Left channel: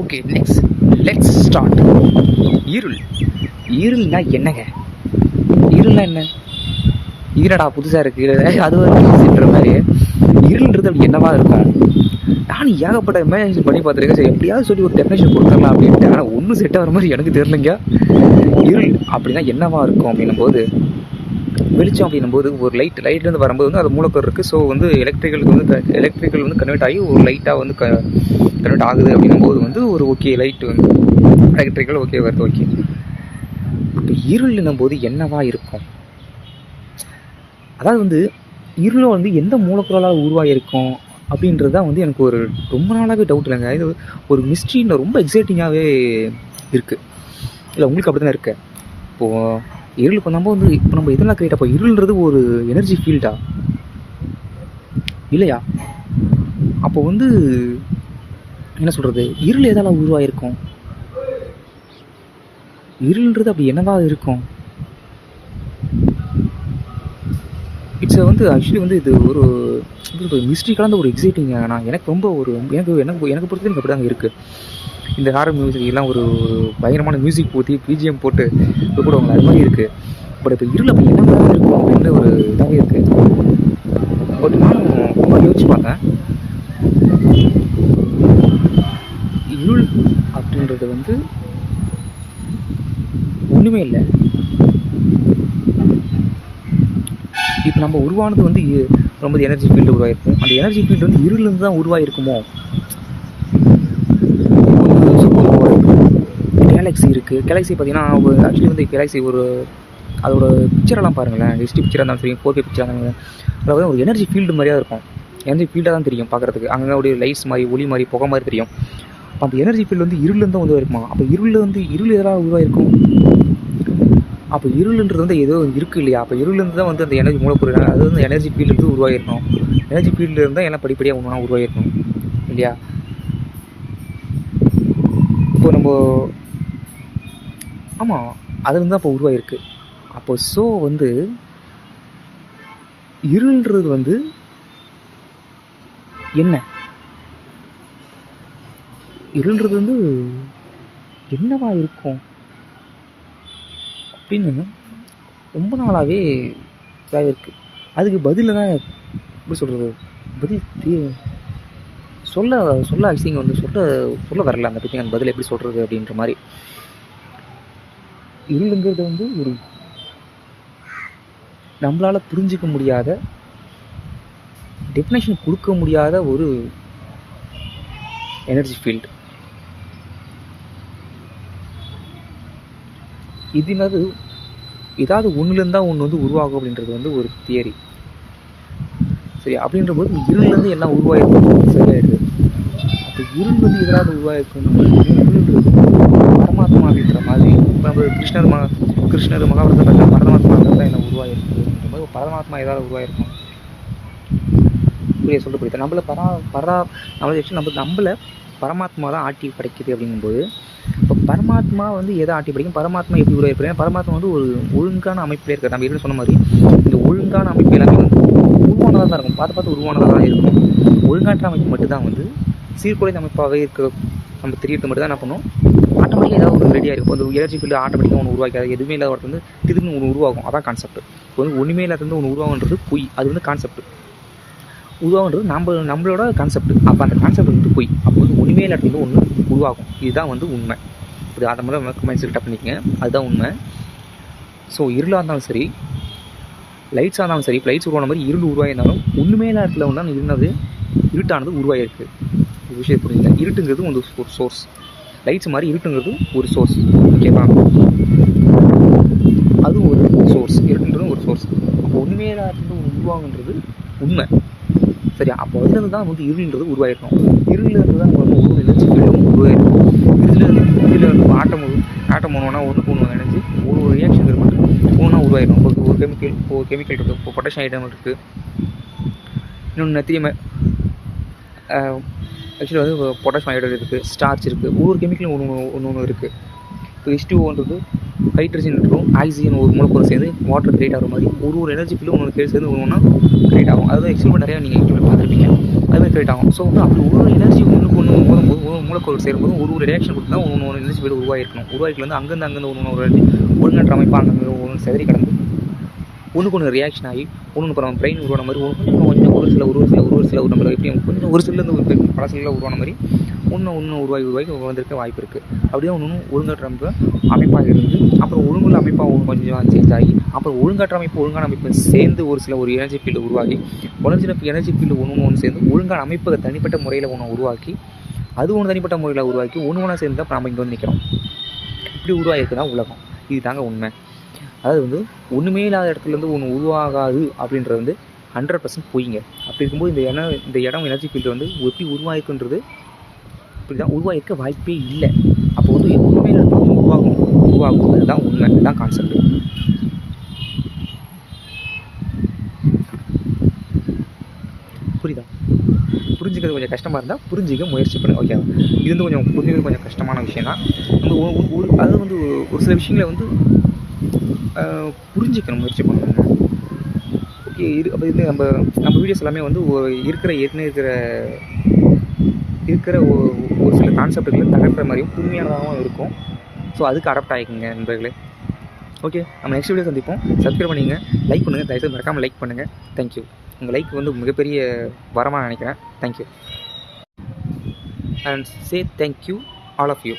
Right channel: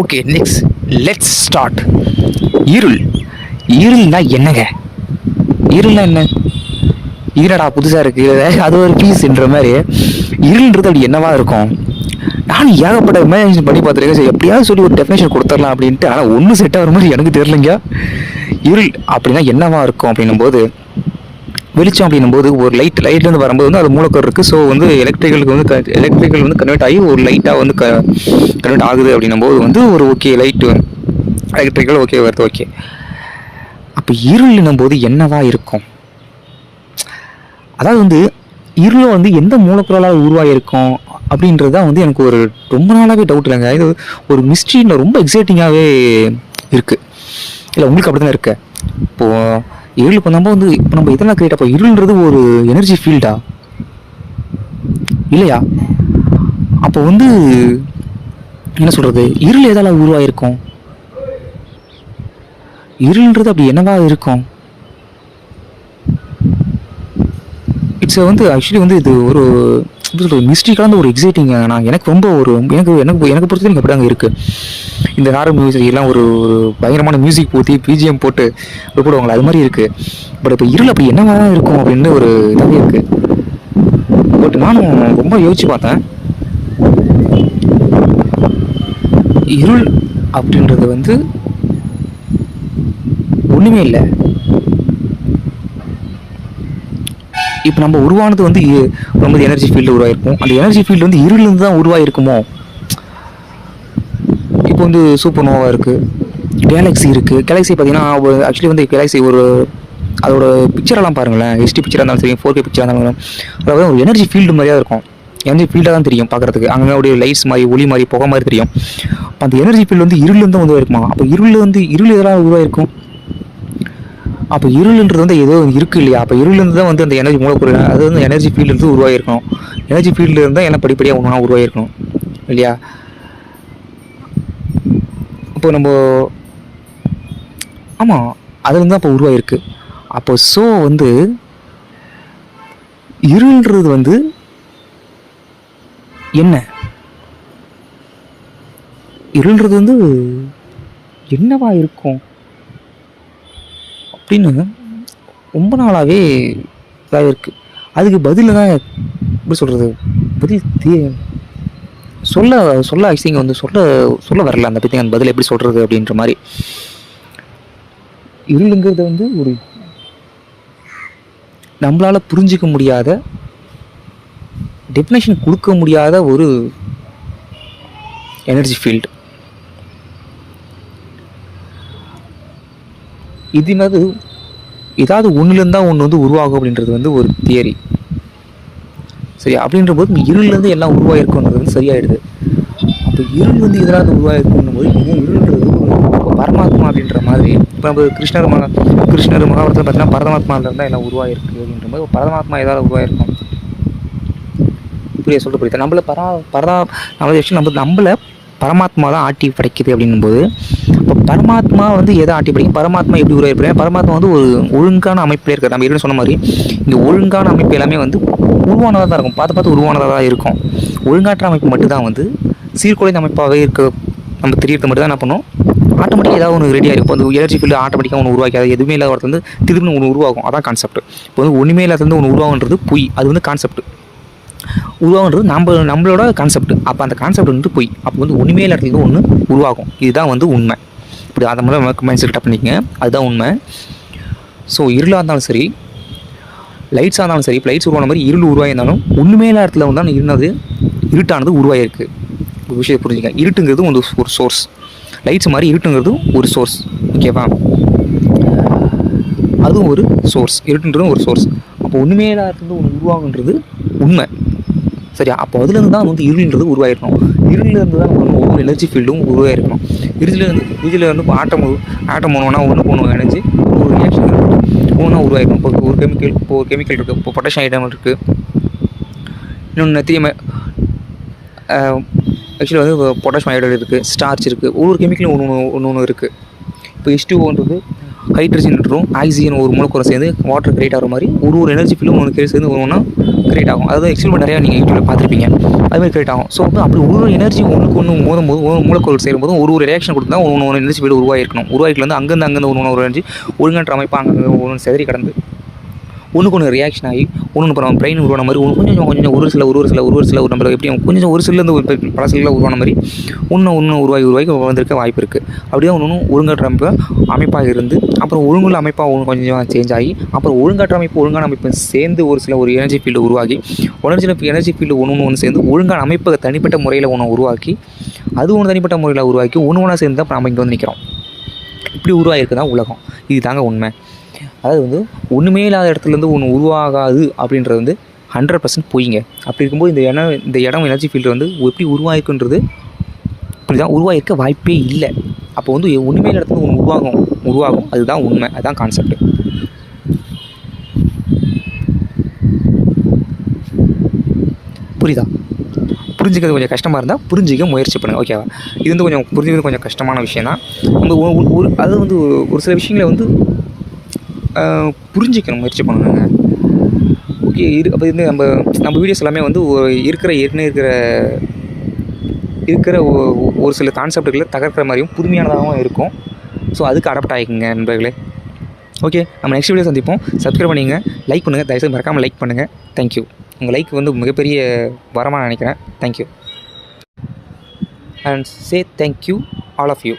Okay, next let's start. இருள். இருள்னா என்னங்க? இருள்னா என்ன? ஈரடா புதுசாக இருக்குது, அது ஒரு பீஸ்ன்ற மாதிரி. இருள்ன்றது அப்படி என்னவா இருக்கும்? நானும் ஏகப்பட்ட இமேஜினேஷன் பண்ணி பார்த்துருக்கேன். சரி எப்படியாவது சொல்லி ஒரு டெஃபினேஷன் கொடுத்துடலாம் அப்படின்ட்டு. ஆனால் ஒன்றும் செட் ஆகிற மாதிரி எனக்கு தெரியலைங்க. இருள் அப்படின்னா என்னவா இருக்கும் அப்படின்னும் போது, வெளிச்சம் அப்படின்னும் போது ஒரு லைட்லேருந்து வரும்போது வந்து அது மூலக்கரு இருக்குது. ஸோ வந்து எலக்ட்ரிக்கல் வந்து கன்வெர்ட் ஆகி ஒரு லைட்டாக வந்து கன்வெர்ட் ஆகுது அப்படின்னும் போது வந்து ஒரு ஓகே லைட்டு எலக்ட்ரிக்கல் ஓகே வருது, ஓகே. அப்போ இருள்னும் போது என்னவா இருக்கும்? அதாவது வந்து இருளை வந்து எந்த மூலப்பொருளால் உருவாகியிருக்கும் அப்படின்றது தான் வந்து எனக்கு ஒரு ரொம்ப நாளாகவே டவுட் இல்லைங்க. இது ஒரு மிஸ்ட்ரியில் ரொம்ப எக்ஸைட்டிங்காகவே இருக்குது. இல்லை உங்களுக்கு அப்படி தான் இருக்கு. இப்போது இருளுக்கு நம்ம வந்து இப்போ நம்ம இதெல்லாம் கேட்டப்போ இருள்ன்றது ஒரு எனர்ஜி ஃபீல்டா இல்லையா? அப்போ வந்து என்ன சொல்கிறது, இருள் எதால் உருவாகிருக்கும்? இருள்ன்றது அப்படி என்னவா இருக்கும்? இட்ஸ் வந்து ஆக்சுவலி வந்து இது ஒரு மிஸ்ட்ரி கலந்த ஒரு எக்ஸைட்டிங். நான் எனக்கு ரொம்ப ஒரு எனக்கு எனக்கு எனக்கு பொறுத்த வரைக்கும் அப்படி தாங்க இருக்குது. இந்த ஹாரர் மியூசிக் எல்லாம் ஒரு ஒரு பயங்கரமான மியூசிக் போற்றி பிஜிஎம் போட்டு போடுவாங்களே, அது மாதிரி இருக்குது. பட் இப்போ இருள் அப்படி என்னவா தான் இருக்கும் அப்படின்னு ஒரு இதாகவே இருக்குது. பட் நானும் ரொம்ப யோசிச்சு பார்த்தேன். இருள் அப்படின்றது வந்து ஒன்றுமே இல்லை. இப்போ நம்ம உருவானது வந்து ரொம்ப எனர்ஜி ஃபீல்டு உருவாயிருக்கும். அந்த எனர்ஜி ஃபீல்டு வந்து இருளிலிருந்து தான் உருவாயிருக்குமோ? இப்போ வந்து சூப்பர் நோவா இருக்குது, கேலக்ஸி இருக்குது. கேலக்ஸி பார்த்தீங்கன்னா ஆக்சுவலி வந்து கேலக்ஸி ஒரு அதோட பிக்சரெல்லாம் பாருங்களேன். ஹெச்டி பிக்சராக இருந்தாலும் சரி, 4K பிக்சராக இருந்தாலும், அதாவது ஒரு எனர்ஜி ஃபீல்டு மாதிரியாக இருக்கும். எனர்ஜி ஃபீல்டாக தான் தெரியும் பார்க்குறதுக்கு. அங்கே அப்படியே லைட்ஸ் மாதிரி, ஒளி மாதிரி, புகை மாதிரி தெரியும். அந்த எனர்ஜி ஃபீல்டு வந்து இருளிலிருந்து தான் உருவாயிருக்குமா? அப்போ இருள் எதெல்லாம் உருவாயிருக்கும்? அப்போ இருள்ன்றது வந்து ஏதோ இருக்குது இல்லையா? அப்போ இருள்லேருந்து தான் வந்து அந்த எனர்ஜி மூலக்கூறு, அது வந்து எனர்ஜி ஃபீல்டுலேருந்து உருவாகிருக்கணும். எனர்ஜி ஃபீல்டுலேருந்து தான் எல்லாம் படிப்படியாக ஒன்றா உருவாகிருக்கணும் இல்லையா? இப்போ நம்ம ஆமாம், அது வந்து அப்போ உருவாகிருக்கு. அப்போ ஸோ வந்து இருள்ன்றது வந்து என்ன? இருள்ன்றது வந்து என்னவா இருக்கும் அப்படின்னு ரொம்ப நாளாகவே இதாக இருக்குது. அதுக்கு பதில் தான் எப்படி சொல்கிறது, பதில் சொல்ல ஆக்சுவலி வந்து சொல்ல வரல அந்த பற்றி. அந்த பதில் எப்படி சொல்கிறது அப்படின்ற மாதிரி. இருளுங்கிறது வந்து ஒரு நம்மளால் புரிஞ்சிக்க முடியாத, டெஃபினேஷன் கொடுக்க முடியாத ஒரு எனர்ஜி ஃபீல்டு. இதுனது ஏதாவது ஒன்றுலேருந்து தான் ஒன்று வந்து உருவாகும் அப்படின்றது வந்து ஒரு தியரி. சரி, அப்படின்ற போது இருள்லேருந்து எல்லாம் உருவாயிருக்கணும் சரியாயிடுது. அப்போ இருள் வந்து எதாவது உருவாயிருக்கணும் போது இருள்ன்றது பரமாத்மா அப்படின்ற மாதிரி. இப்போ நம்ம கிருஷ்ணர் மகாபாரதத்தில் பார்த்தீங்கன்னா பரமாத்மாவில் தான் எல்லாம் உருவாயிருக்கு அப்படின்ற மாதிரி. பரமாத்மா ஏதாவது உருவாயிருக்கும் சொல்லிட்டு புரியுது. நம்மளை பரமாத்மா தான் ஆட்டி படைக்குது அப்படின்னும்போது, இப்போ பரமாத்மா வந்து எதை ஆட்டி படைக்கும்? பரமாத்மா எப்படி உருவாயிருப்பேன்? பரமாத்மா வந்து ஒரு ஒழுங்கான அமைப்பில் இருக்கிற, நம்ம ஏற்கனவே சொன்ன மாதிரி இந்த ஒழுங்கான அமைப்பு எல்லாமே வந்து உருவானதாக தான் இருக்கும். பார்த்து உருவானதாக தான் இருக்கும். ஒழுங்காற்ற அமைப்பு மட்டும்தான் வந்து சீர்குலைந்த அமைப்பாகவே இருக்க நம்ம தெரியறது மட்டும் தான் என்ன பண்ணோம், ஆட்டோமேட்டிக்காக ஏதாவது ஒன்று ரெடியாக இருக்கும். அந்த எனர்ஜி ஃபீல்டு ஆட்டோமேட்டிக்காக ஒன்று உருவாக்காது. எதுவுமே இல்லாத ஒருத்தர் வந்து திரும்பி ஒன்று உருவாகும். அதான் கான்செப்ட். இப்போ வந்து ஒன்றுமே இல்லாத ஒன்று உருவாகுன்றது பொய். அது வந்து கான்செப்ட். உருவாகுன்றது நம்மளோட கான்செப்ட். அப்போ அந்த கான்செப்ட் வந்து பொய். அப்போ வந்து ஒன்றுமே இல்லாத ஒன்று உருவாகும். இதுதான் வந்து உண்மை. இப்படி அதை மாதிரி நமக்கு மைண்ட் செட் பண்ணிக்கங்க. அதுதான் உண்மை. ஸோ இருளாக இருந்தாலும் சரி, லைட்ஸாக இருந்தாலும் சரி, இப்போ லைட்ஸ் உருவான மாதிரி இருள் உருவாயிருந்தாலும் ஒன்றுமே இல்லாத இடத்துல வந்து இருட்டானது உருவாகிருக்கு. ஒரு விஷயத்தை புரிஞ்சுக்க. இருட்டுங்கிறது ஒரு சோர்ஸ். லைட்ஸ் மாதிரி இருட்டுங்கிறது ஒரு சோர்ஸ். ஓகேவா? அதுவும் ஒரு சோர்ஸ். இருட்டுன்றதும் ஒரு சோர்ஸ். அப்போ ஒன்றுமே இல்லாத இடத்துல ஒன்று உருவாகுன்றது உண்மை. சரியா? அப்போ அதுலேருந்து தான் வந்து இருள்ன்றது உருவாயிருக்கணும். இருளிலேருந்து தான் நம்ம ஒவ்வொரு எனர்ஜி ஃபீல்டும் உருவாயிருக்கணும். இதில் வந்து ஆட்டம் ஒன்று எனர்ஜி ஒரு ரியாக்ஷன் ஒன்றா உருவாயிருக்கும். இப்போ ஒரு கெமிக்கல் இருக்குது. இப்போ பொட்டாசியம் ஐட்டம் இருக்குது. இன்னொன்று நெத்தியம், ஆக்சுவலி வந்து பொட்டாசியம் ஹைட்ரைடு இருக்குது, ஸ்டார்ச் இருக்குது. ஒவ்வொரு கெமிக்கலும் ஒன்று இருக்குது. இப்போ H2Oன்றது ஹைட்ரஜன் மற்றும் ஆக்சிஜன் ஒரு மூலக்கூறு சேர்ந்து வாட்டர் கிரியேட் ஆகிற மாதிரி ஒரு எனர்ஜி ஃபீல்டும் ஒன்று சேர்ந்து ஒன்று கிரியேட் ஆகும். அதாவது எக்ஸ்பெரிமெண்ட் நிறையா நீங்கள் யூடியூப்ல பார்த்துருப்பீங்க. அதுமாதிரி கிரியேட் ஆகும். ஸோ வந்து அப்படி ஒரு எனர்ஜி ஒன்றுக்கு ஒன்று மோதும்போது ஒரு மூலக்கூறு சேரும்போது ஒரு ரியாக்ஷன் கொடுத்தா ஒரு எனர்ஜி ஃபீல்டு உருவாயிருக்கணும். உருவாக்கிட்டு வந்து அங்கேருந்து ஒரு எனர்ஜி ஒழுங்கற்ற அமைப்பாக அங்கே ஒன்று செதறி கடந்து ஒன்றுக்கு ஒன்று ரியாக்ஷன் ஆகி ஒன்று அப்புறம் பிரெயின் உருவான மாதிரி கொஞ்சம் ஒரு சில நம்ம எப்படி கொஞ்சம் ஒரு சிலேருந்து ஒரு பல சில உருவான மாதிரி ஒன்று உருவாகி வந்திருக்க வாய்ப்பு இருக்குது. அப்படியே ஒன்று ஒழுங்கற்ற அமைப்பாக இருந்து அப்புறம் ஒழுங்குள்ள அமைப்பாக ஒன்று கொஞ்சம் சேஞ்ச் ஆகி அப்புறம் ஒழுங்கான அமைப்பு சேர்ந்து ஒரு எனர்ஜி ஃபீல்டு உருவாகி எனர்ஜி ஃபீல்டு ஒன்று சேர்ந்து ஒழுங்கான அமைப்பை தனிப்பட்ட முறையில் ஒன்று உருவாக்கி அது ஒன்று தனிப்பட்ட முறையில் உருவாக்கி ஒன்றா சேர்ந்து தான் நம்ம இங்கே வந்து நிற்கிறோம். இப்படி உருவாகிருக்கு தான் உலகம். இது தாங்க உண்மை. அதாவது வந்து ஒன்றுமே இல்லாத இடத்துலேருந்து ஒன்று உருவாகாது அப்படின்றது வந்து 100% பொய்ங்க. அப்படி இருக்கும்போது இந்த இடம் எனர்ஜி ஃபீல்டு வந்து எப்படி உருவாயிருக்குன்றது இப்படிதான் உருவாயிருக்க வாய்ப்பே இல்லை. அப்போ வந்து ஒன்றுமே இல்லாத இடத்துல ஒன்று உருவாகும். அதுதான் உண்மை. அதுதான் கான்செப்ட். புரியுதா? புரிஞ்சுக்கிறது கொஞ்சம் கஷ்டமாக இருந்தால் புரிஞ்சிக்க முயற்சி பண்ணுங்கள். ஓகேவா? இது வந்து கொஞ்சம் புரிஞ்சுக்கிறது கொஞ்சம் கஷ்டமான விஷயம் தான். நம்ம அது வந்து ஒரு சில விஷயங்களை வந்து புரிஞ்சிக்கணும், முயற்சி பண்ணணுங்க. ஓகே. அப்போ இது நம்ம வீடியோஸ் எல்லாமே வந்து இருக்கிற ஒரு சில கான்செப்டுகளை தகர்க்கிற மாதிரியும் புதுமையானதாகவும் இருக்கும். ஸோ அதுக்கு அடாப்ட் ஆகிக்குங்க நண்பர்களே. ஓகே, நம்ம நெக்ஸ்ட் வீடியோ சந்திப்போம். சப்ஸ்கிரைப் பண்ணிங்க, லைக் பண்ணுங்கள். தயவுசெய்து மறக்காமல் லைக் பண்ணுங்கள். தேங்க்யூ. உங்கள் லைக் வந்து மிகப்பெரிய வரமாக நினைக்கிறேன். Thank you. And say thank you all of you.